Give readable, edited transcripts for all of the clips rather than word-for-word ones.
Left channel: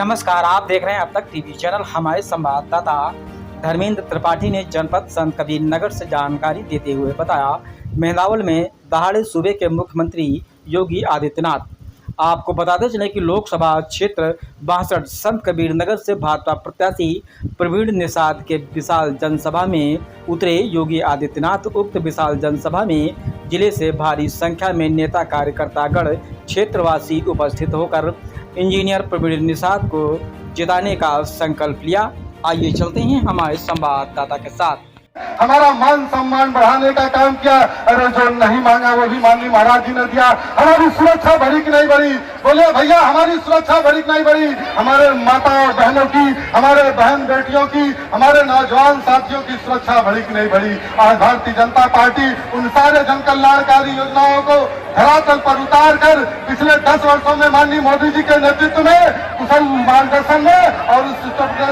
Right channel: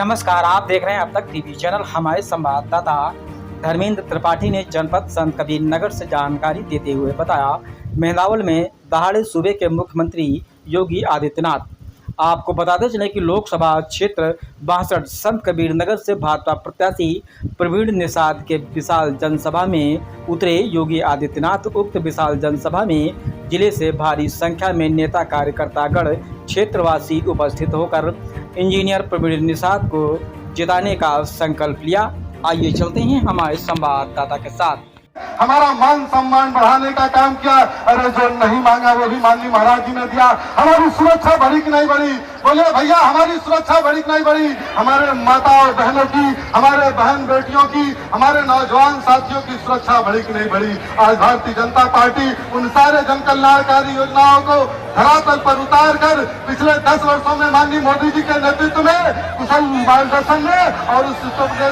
नमस्कार, आप देख रहे हैं अब तक टीवी चैनल। हमारे संवाददाता धर्मेंद्र त्रिपाठी ने जनपद संत कबीर नगर से जानकारी देते हुए बताया, मेंदावल में दहाड़े सूबे के मुख्यमंत्री योगी आदित्यनाथ। आपको बताते चले कि लोकसभा क्षेत्र 62 संत कबीर नगर से भाजपा प्रत्याशी प्रवीण निषाद के विशाल जनसभा में उतरे योगी आदित्यनाथ। उक्त विशाल जनसभा में जिले से भारी संख्या में नेता कार्यकर्तागण क्षेत्रवासी उपस्थित होकर इंजीनियर प्रवीण निषाद को जिताने का संकल्प लिया। आइए चलते हैं हमारे संवाददाता के साथ। हमारा मान सम्मान बढ़ाने का काम किया। अरे जो नहीं मांगा वो भी मांगी महाराज जी ने दिया। हमारी सुरक्षा बढ़ी कि नहीं बढ़ी? बोले भैया, हमारी सुरक्षा बढ़ी कि नहीं बढ़ी? हमारे माता और बहनों की, हमारे बहन बेटियों की, हमारे नौजवान साथियों की सुरक्षा बढ़ी कि नहीं बढ़ी? आज भारतीय जनता पार्टी उन सारे जन कल्याणकारी योजनाओं को धरातल पर उतार कर पिछले 10 वर्षों में माननीय मोदी जी के नेतृत्व में, कुशल मार्गदर्शन में और उस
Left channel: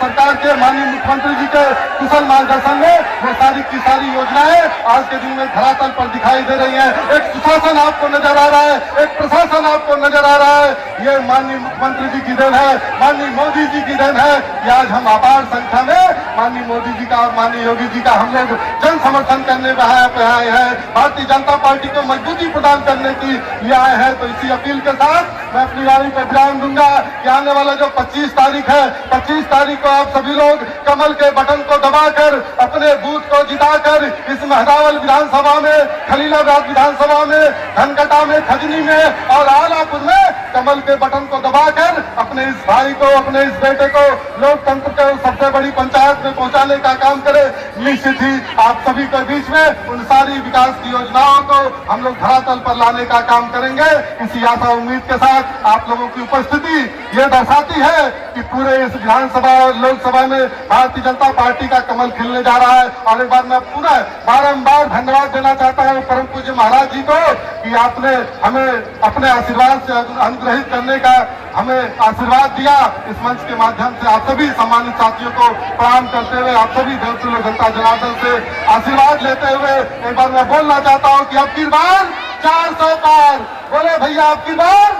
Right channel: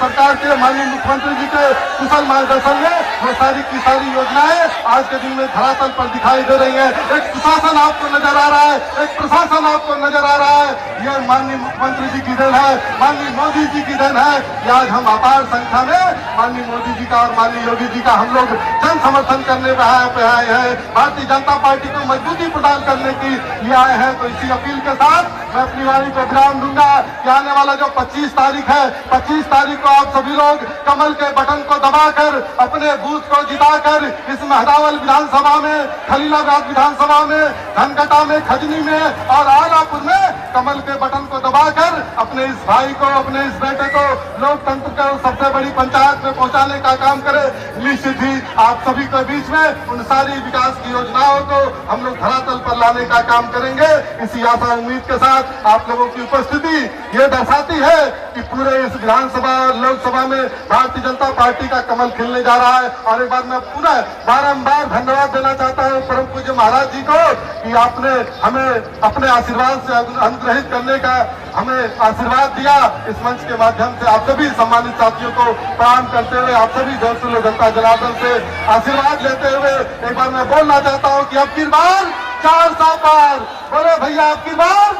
सरकार के माननीय मुख्यमंत्री जी के कुशल मार्गदर्शन में वो सारी की सारी योजनाएं आज के दिन में धरातल पर दिखाई दे रही है। एक प्रशासन आपको नजर आ रहा है, एक प्रशासन आपको नजर आ रहा है। ये माननीय मुख्यमंत्री जी की देन है, माननीय मोदी जी की देन है कि आज हम अपार संख्या में माननीय मोदी जी का और माननीय योगी जी का हम लोग जन समर्थन करने पे आए हैं। भारतीय जनता पार्टी को मजबूती प्रदान करने की लिए आए हैं। तो इसी अपील के साथ मैं अपनी वाणी को विराम दूंगा कि आने वाला जो 25 तारीख है, 25 तारीख को आप सभी लोग कमल के बटन को दबाकर अपने बूथ को जिताकर इस मेंदावल विधानसभा में, खलीलाबाद विधानसभा में, धनकटा में, खजनी में और आलापुर में कमल के बटन को दबाकर अपने इस भाई को, अपने इस बेटे को लोकतंत्र के सबसे बड़ी पंचायत में पहुंचाने का काम करे। निश्चित ही आप सभी के बीच में उन सारी विकास की योजनाओं को हम लोग धरातल पर लाने का काम करेंगे। इसी आशा उम्मीद के साथ आप लोगों की उपस्थिति ये दर्शाती है कि पूरे इस विधानसभा लोकसभा में भारतीय जनता पार्टी का कमल खिलने जा रहा है। और एक बार मैं पूरा बारंबार धन्यवाद देना चाहता हूँ परम पूज्य महाराज जी को कि आपने हमें अपने आशीर्वाद से अनुग्रहित करने का हमें आशीर्वाद दिया। इस मंच के माध्यम से आप सभी सम्मानित साथियों को प्रणाम करते हुए, आप सभी देवतुल्य जनता जनार्दन से आशीर्वाद लेते हुए एक बार मैं बोलना चाहता हूँ कि अब की बार 400 पार। बोले भैया, अब की बार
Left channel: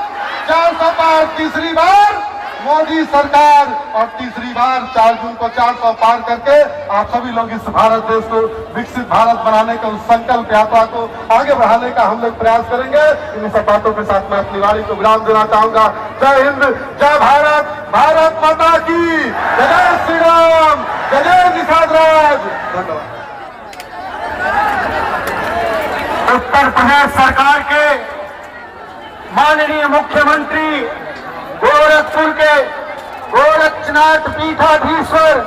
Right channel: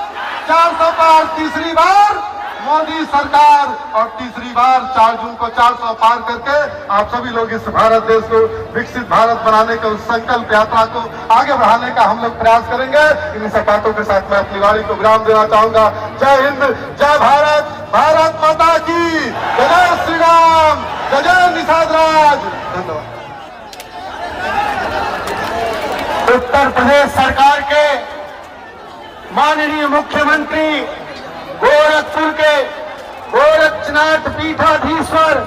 400 पार, तीसरी बार मोदी सरकार और तीसरी बार 4 जून को 400 पार करके आप सभी लोग इस भारत देश को विकसित भारत बनाने का उस संकल्प यात्रा को आगे बढ़ाने का हम लोग प्रयास करेंगे। इन सब बातों के साथ मैं अपनी वाणी को विराम देना चाहूंगा। जय हिंद, जय भारत, भारत माता की जय, श्री राम, जय निषाद राज। धन्यवाद। उत्तर प्रदेश सरकार के माननीय मुख्यमंत्री गोरखपुर के गोरक्षनाथ पीठाधीश्वर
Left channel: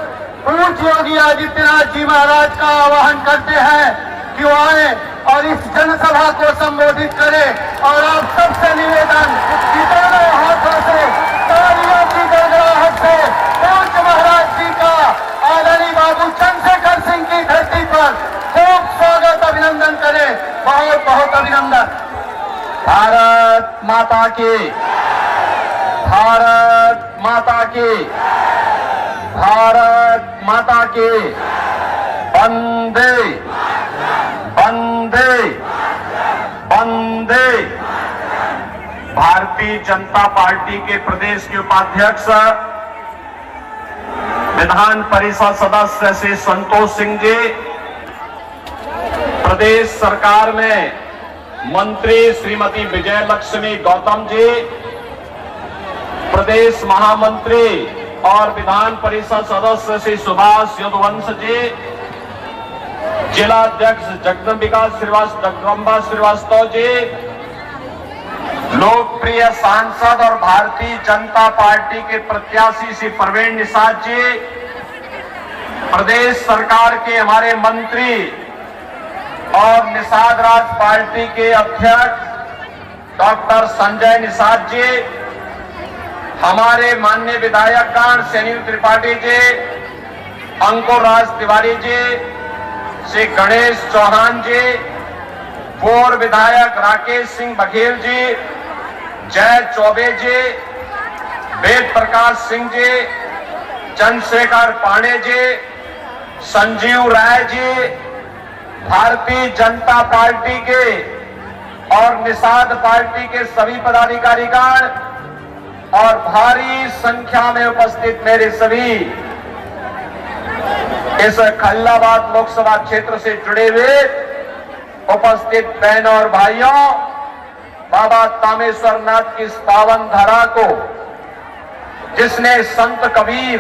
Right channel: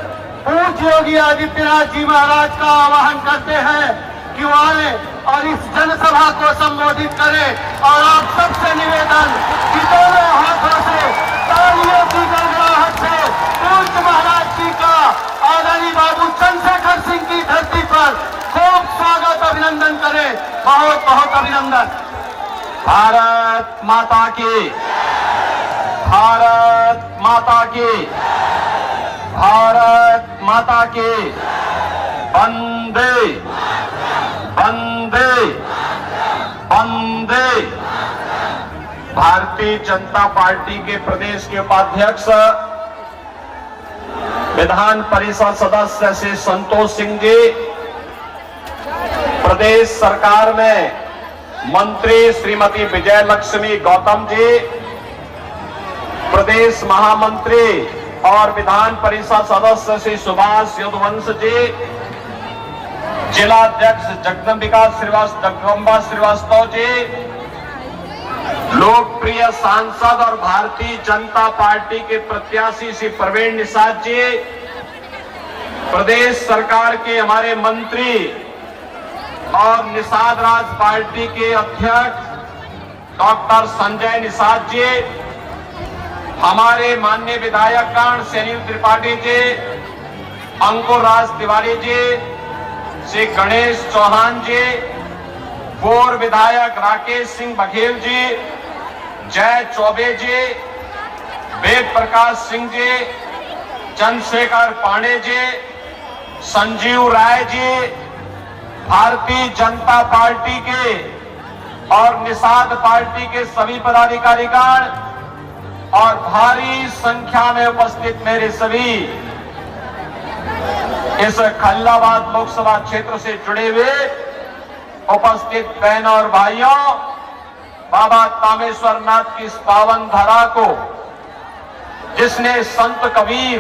पूज्य योगी आदित्यनाथ जी महाराज का आह्वान करते हैं कि वो आए और इस जनसभा को संबोधित करें। और आप सबसे निवेदन कि दोनों हाथों से तालियों की गड़गड़ाहट से पूज्य महाराज जी का आदरणीय बाबू चंद्रशेखर सिंह की धरती पर खूब स्वागत, अभिनंदन करें। बहुत बहुत अभिनंदन। भारत माता की, भारत माता की, भारत माता की। वंदे वंदे वंदे। भारतीय जनता पार्टी के प्रदेश के उपाध्यक्ष विधान परिषद सदस्य श्री संतोष सिंह जी, प्रदेश सरकार में मंत्री श्रीमती विजय लक्ष्मी गौतम जी, प्रदेश महामंत्री और विधान परिषद सदस्य श्री सुभाष युद्धवंश जी, जिला अध्यक्ष जगदम्बिका श्रीवास्तव जी, लोकप्रिय सांसद और भारतीय जनता पार्टी के प्रत्याशी श्री प्रवीण निषाद जी, प्रदेश सरकार के हमारे मंत्री और निषाद राज पार्टी के अध्यक्ष डॉक्टर संजय निषाद जी, हमारे माननीय विधायकगण शैलेंद्र त्रिपाठी जी, अंकुर राज तिवारी जी, श्री गणेश चौहान जी, पूर्व विधायक राकेश सिंह बघेल जी, जय चौबे जी, वेद प्रकाश सिंह जी, चंद्रशेखर पांडे जी, संजीव राय जी, भारतीय जनता पार्टी के और निषाद पार्टी के सभी पदाधिकारीगण, और भारी संख्या में उपस्थित मेरे सभी इस खैरलाबाद लोकसभा क्षेत्र से जुड़े हुए उपस्थित बहनों और भाइयों, बाबा तामेश्वर नाथ की इस पावन धरा को जिसने संत कबीर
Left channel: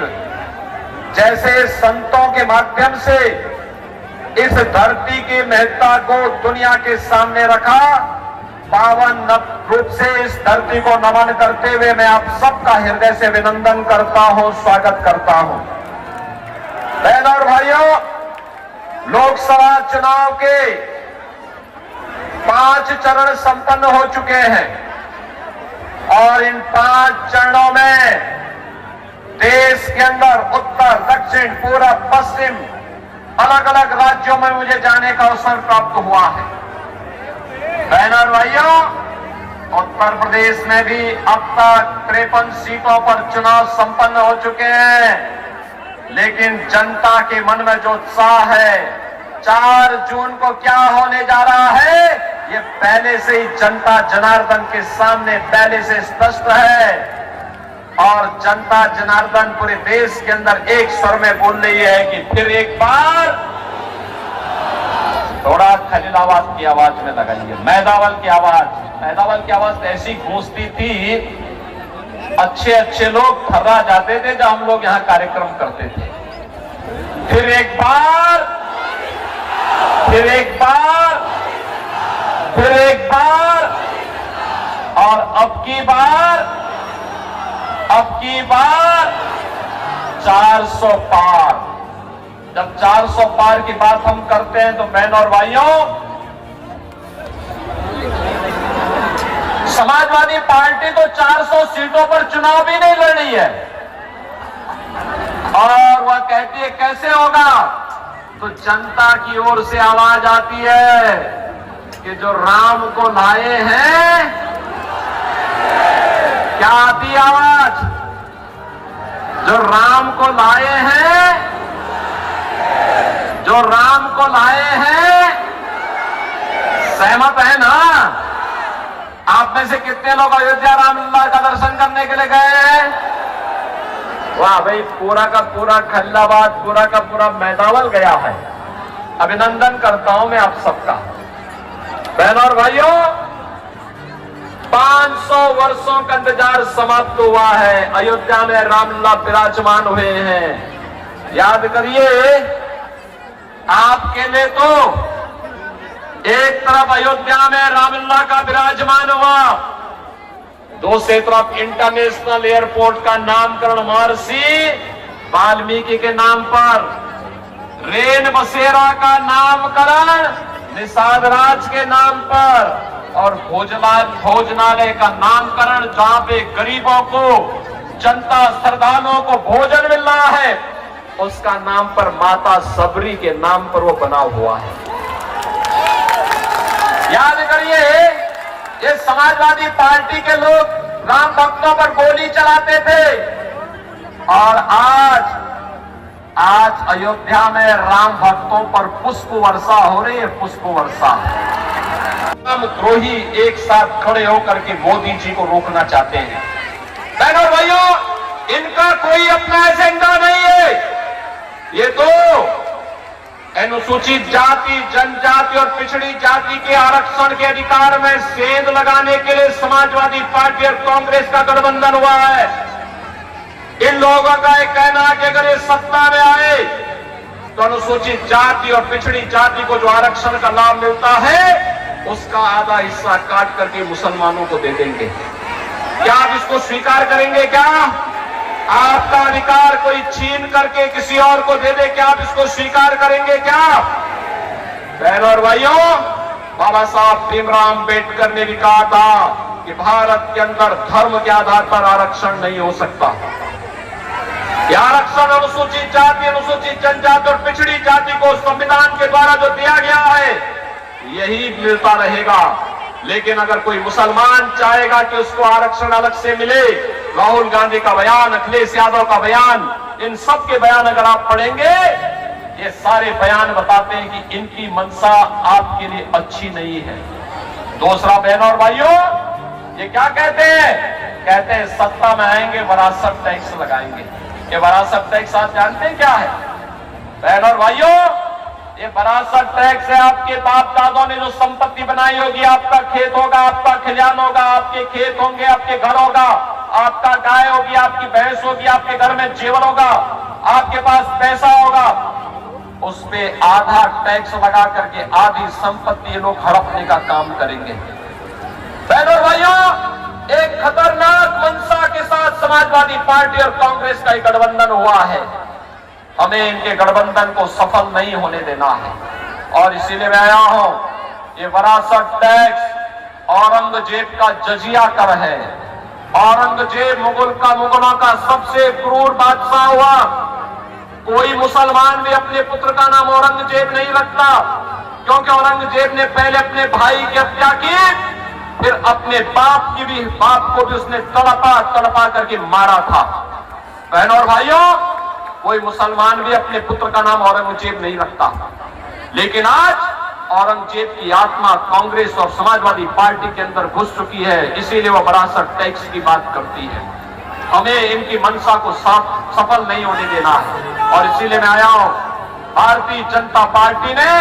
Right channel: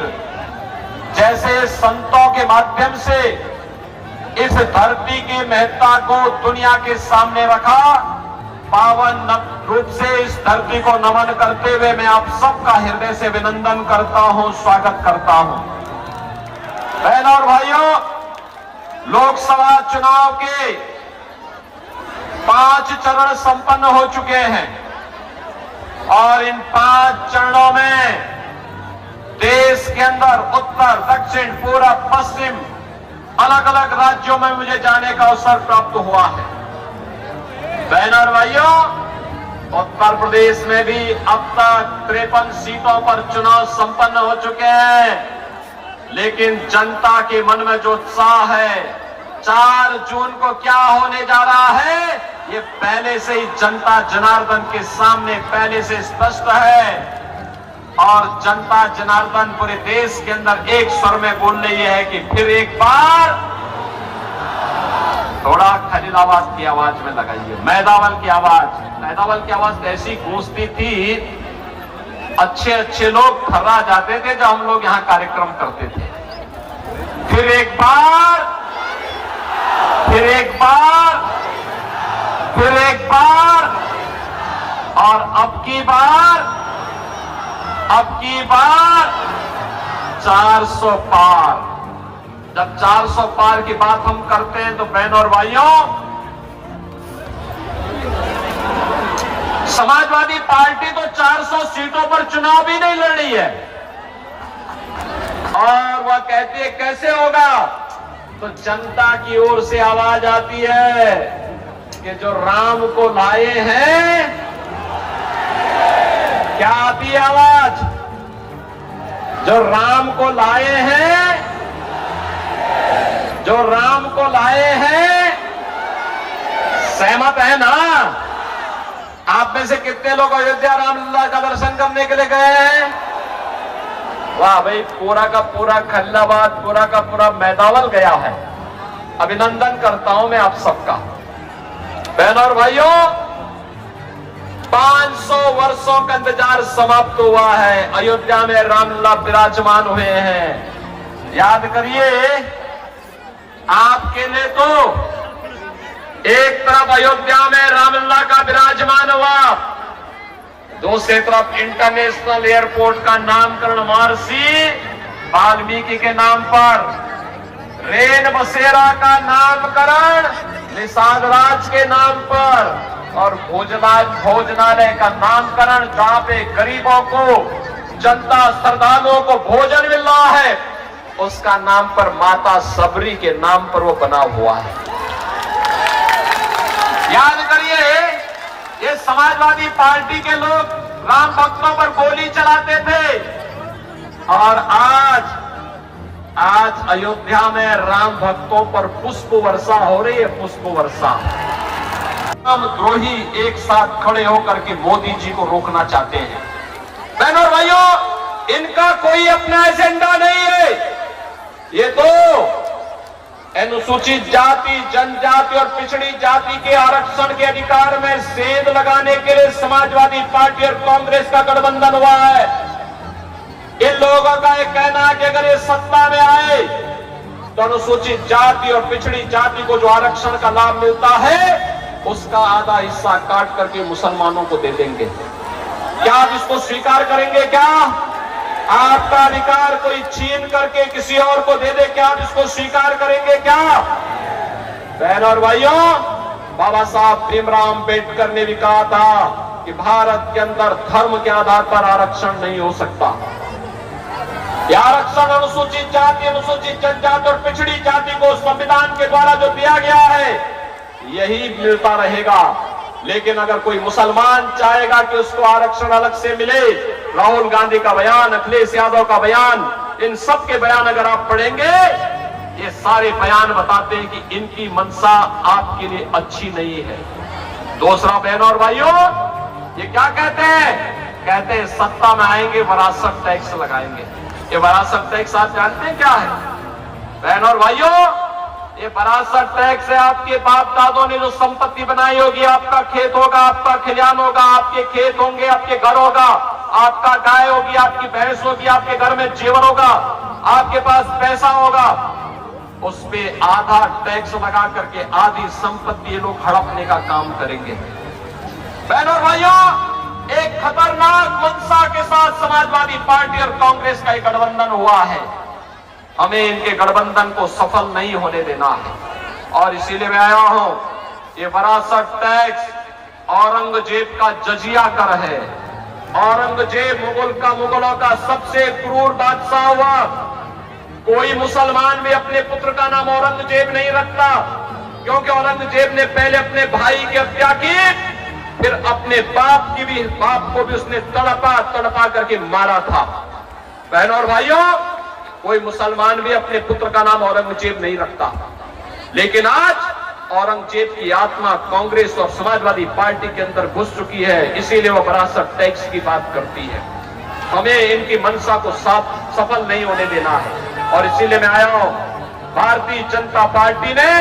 जैसे संतों के माध्यम से इस धरती की महत्ता को दुनिया के सामने रखा, पावन रूप से इस धरती को नमन करते हुए मैं आप सबका हृदय से अभिनंदन करता हूं, स्वागत करता हूं। बहनों और भाइयों, लोकसभा चुनाव के 5 चरण संपन्न हो चुके हैं और इन 5 चरणों में देश के अंदर उत्तर, दक्षिण, पूरब, पश्चिम अलग अलग राज्यों में मुझे जाने का अवसर प्राप्त हुआ है। बहनों और भाइयों, उत्तर प्रदेश में भी अब तक 53 सीटों पर चुनाव संपन्न हो चुके हैं, लेकिन जनता के मन में जो उत्साह है 4 जून को क्या होने जा रहा है, ये पहले से ही जनता जनार्दन के सामने पहले से स्पष्ट है और जनता जनार्दन पूरे देश के अंदर एक स्वर में बोल रही है कि फिर एक बार। थोड़ा खलीलाबाद की आवाज में लगाइए, मैदावल की आवाज ऐसी गूंजती थी, अच्छे अच्छे लोग थर्रा जाते थे जब हम लोग यहां कार्यक्रम करते थे। फिर एक बार, फिर एक बार, फिर एक बार और अब की बार 400 पार। जब 400 पार की बात हम करते हैं तो बहनों और भाइयों, समाजवादी पार्टी तो 400 सीटों पर चुनाव भी नहीं लड़ रही है और वह कहती है कैसे होगा, तो जनता की ओर से आवाज आती है कि जो राम को लाए हैं, क्या आती है आवाज, जो राम को लाए हैं, जो राम को लाए हैं, सहमत है ना? आप में से कितने लोग अयोध्या रामलला का दर्शन करने के लिए गए हैं? वाह भाई, पूरा का पूरा खैरलाबाद, पूरा का पूरा मैदावल गया है। अभिनंदन करता हूं मैं आप सबका। बहनों और भाइयों, 500 वर्षों का इंतजार समाप्त हुआ है। अयोध्या में रामलला विराजमान हुए हैं। याद करिए, आपके लिए तो एक तरफ अयोध्या में रामलला का विराजमान हुआ, दूसरी तरफ इंटरनेशनल एयरपोर्ट का नामकरण महर्षि वाल्मीकि के नाम पर, रेन बसेरा का नामकरण निषाद राज के नाम पर और भोजनालय का नामकरण जहां पे गरीबों को, जनता श्रद्धालुओं को भोजन मिल रहा है, उसका नाम पर माता सबरी के नाम पर वो बना हुआ है। याद करिए, ये समाजवादी पार्टी के लोग राम भक्तों पर गोली चलाते थे और आज अयोध्या में राम भक्तों पर पुष्प वर्षा हो रही है, पुष्प वर्षा। राम द्रोही एक साथ खड़े होकर के मोदी जी को रोकना चाहते हैं। बहनों और भाइयों, इनका कोई अपना एजेंडा नहीं है। ये तो अनुसूचित जाति, जनजाति और पिछड़ी जाति के आरक्षण के अधिकार में सेंध लगाने के लिए समाजवादी पार्टी और कांग्रेस का गठबंधन हुआ है। इन लोगों का एक कहना है कि अगर ये सत्ता में आए तो अनुसूचित जाति और पिछड़ी जाति को जो आरक्षण का लाभ मिलता है उसका आधा हिस्सा काट करके मुसलमानों को दे देंगे। क्या आप इसको स्वीकार करेंगे? क्या आपका अधिकार कोई छीन करके किसी और को दे दे, क्या आप इसको स्वीकार करेंगे? क्या बहनों और भाइयों, बाबा साहब भीमराव अंबेडकर ने भी कहा था कि भारत के अंदर धर्म के आधार पर आरक्षण नहीं हो सकता। यह आरक्षण अनुसूचित जाति, अनुसूचित जनजाति और पिछड़ी जाति को संविधान के द्वारा जो दिया गया है यही मिलता रहेगा। लेकिन अगर कोई मुसलमान चाहेगा कि उसको आरक्षण अलग से मिले, राहुल गांधी का बयान, अखिलेश यादव का बयान, इन सब के बयान अगर आप पढ़ेंगे, ये सारे बयान बताते हैं कि इनकी मंशा आपके लिए अच्छी नहीं है। दूसरा, बहनों और भाइयों, ये क्या कहते हैं कहते हैं सत्ता में आएंगे वरासत टैक्स लगाएंगे। ये वरासत टैक्स आप जानते हैं क्या है? बहनों और भाइयों, ये वरासत टैक्स है आपके बाप दादों ने जो संपत्ति बनाई होगी, आपका खेत होगा, आपका खलिहान होगा, आपके खेत होंगे, आपके घर होगा, आपका गाय होगी, आपकी भैंस होगी, आपके घर में जेवर होगा, आपके पास पैसा होगा, उस पे आधा टैक्स लगा करके आधी संपत्ति ये लोग हड़पने का काम करेंगे। बहनों और भाइयों, एक खतरनाक मंशा के साथ समाजवादी पार्टी और कांग्रेस का एक गठबंधन हुआ है। हमें इनके गठबंधन को सफल नहीं होने देना है और इसीलिए मैं आया हूं। ये वरासत टैक्स औरंगजेब का जजिया कर है। औरंगजेब मुगलों का सबसे क्रूर बादशाह हुआ। कोई मुसलमान भी अपने पुत्र का नाम औरंगजेब नहीं रखता, क्योंकि औरंगजेब ने पहले अपने भाई की हत्या की, फिर अपने बाप को भी उसने तड़पा करके मारा था। बहनों और भाइयों, कोई मुसलमान भी अपने पुत्र का नाम औरंगजेब नहीं रखता, लेकिन आज औरंगजेब की आत्मा कांग्रेस और समाजवादी पार्टी के अंदर घुस चुकी है, इसीलिए वो वरासत टैक्स की बात करती है। हमें इनकी मंशा को सफल नहीं होने देना है और इसीलिए मैं आया हूं। भारतीय जनता पार्टी ने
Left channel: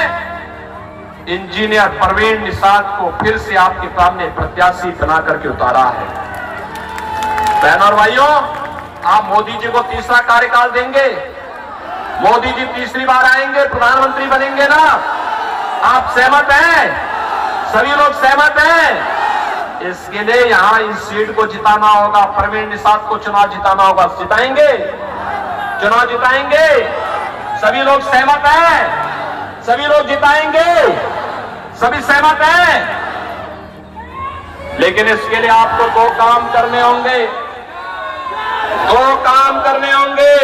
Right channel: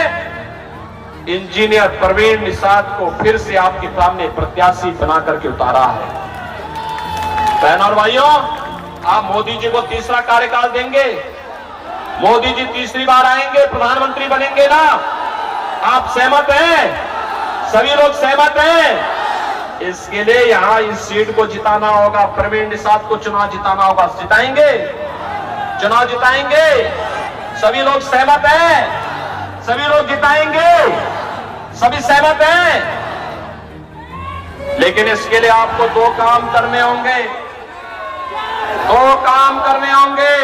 इंजीनियर परवीन निषाद को फिर से आपके सामने प्रत्याशी बना करके उतारा है। बहनों और भाइयों, आप मोदी जी को तीसरा कार्यकाल देंगे? मोदी जी तीसरी बार आएंगे, प्रधानमंत्री बनेंगे ना? आप सहमत हैं? सभी लोग सहमत हैं? इसके लिए यहां इस सीट को जिताना होगा, परवीन निषाद को चुनाव जिताना होगा। जिताएंगे? चुनाव जिताएंगे? सभी लोग सहमत हैं? सभी लोग जिताएंगे? सभी सहमत हैं? लेकिन इसके लिए आपको दो काम करने होंगे। दो काम करने होंगे।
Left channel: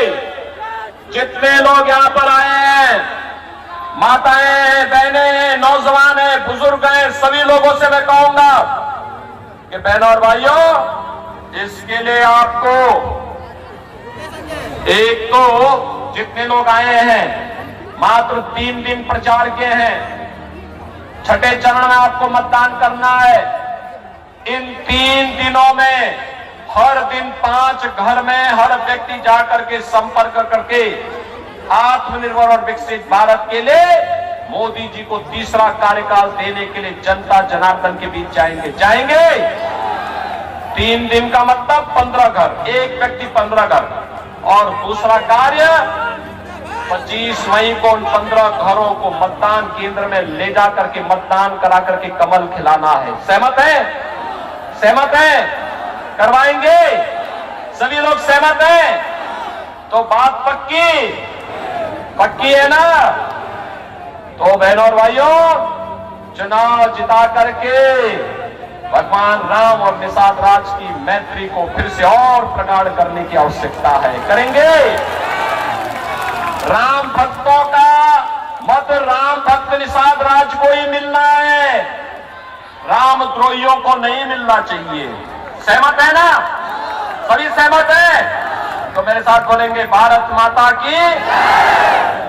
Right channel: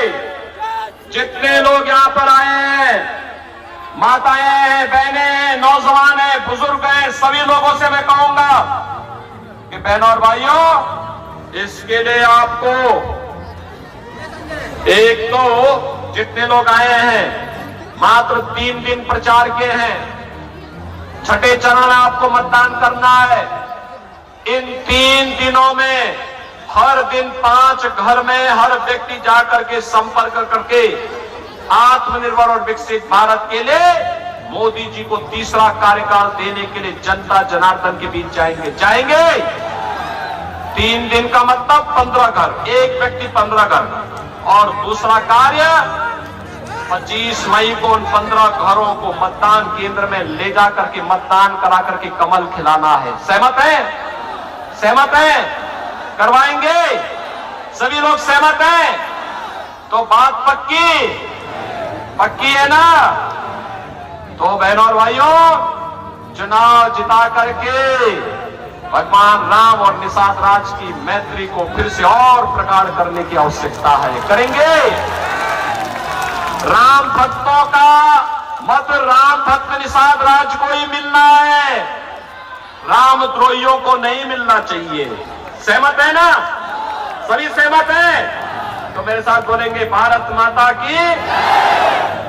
जितने लोग यहां पर आए हैं, माताएं हैं, बहनें हैं, नौजवान हैं, बुजुर्ग हैं, सभी लोगों से मैं कहूंगा कि बहनों और भाइयों, इसके लिए आपको एक तो जितने लोग आए हैं मात्र 3 दिन प्रचार के हैं, छठे चरण में आपको मतदान करना है। इन 3 दिनों में हर दिन 5 घर में हर व्यक्ति जाकर के संपर्क करके आत्मनिर्भर और विकसित भारत के लिए मोदी जी को तीसरा कार्यकाल देने के लिए जनता जनार्दन के बीच जाएंगे। 3 दिन का मतलब 15 घर, एक व्यक्ति 15 घर। और दूसरा कार्य 25 मई को उन 15 घरों को मतदान केंद्र में ले जा करके मतदान करा करके कमल खिलाना है। सहमत है? सहमत है? करवाएंगे? सभी लोग सहमत हैं? तो बात पक्की है ना? तो बहनों और भाइयों, चुनाव जिता करके भगवान राम और निषाद राज की मैत्री को फिर से और प्रगाढ़ करने की आवश्यकता है। करेंगे? राम भक्तों का मत राम भक्त निषाद राज को ही मिलना है, राम द्रोहियों को नहीं मिलना चाहिए। सहमत है ना? सभी सहमत हैं? तो मेरे साथ बोलेंगे भारत माता की।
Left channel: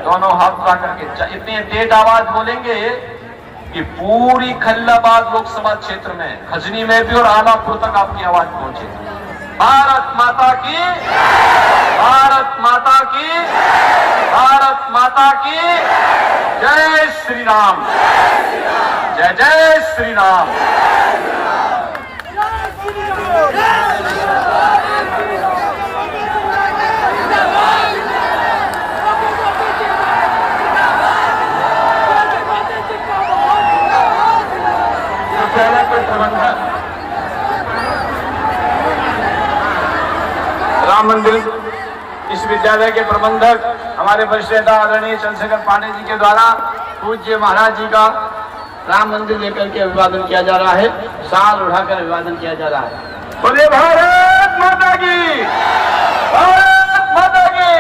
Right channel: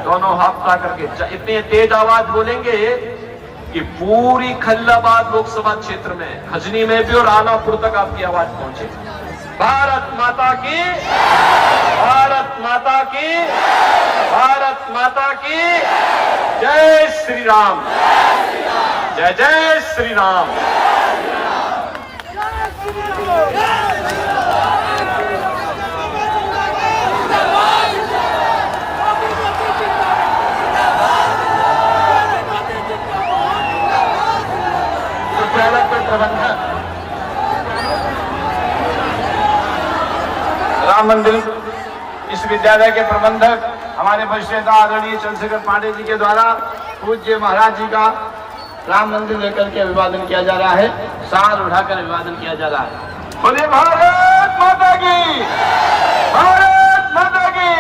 दोनों हाथ उठा करके इतनी तेज आवाज बोलेंगे कि पूरी खल्लाबाद लोकसभा क्षेत्र में, खजनी में भी और आलापुर तक आपकी आवाज पहुंचे। भारत माता की, भारत माता की, भारत माता की जय श्री राम, जय जय श्री राम। राम मंदिर इस विद्यालय के प्रबंधक हमारे वरिष्ठ नेता आदरणीय चंद्रशेखर पांडे जी के द्वारा पूज्य महाराज जी का राम मंदिर लेकर के अभिवादन किया जा रहा है। शाल उठाकर अभिवादन किया जा रहा है। बोले भारत माता की, भारत माता की।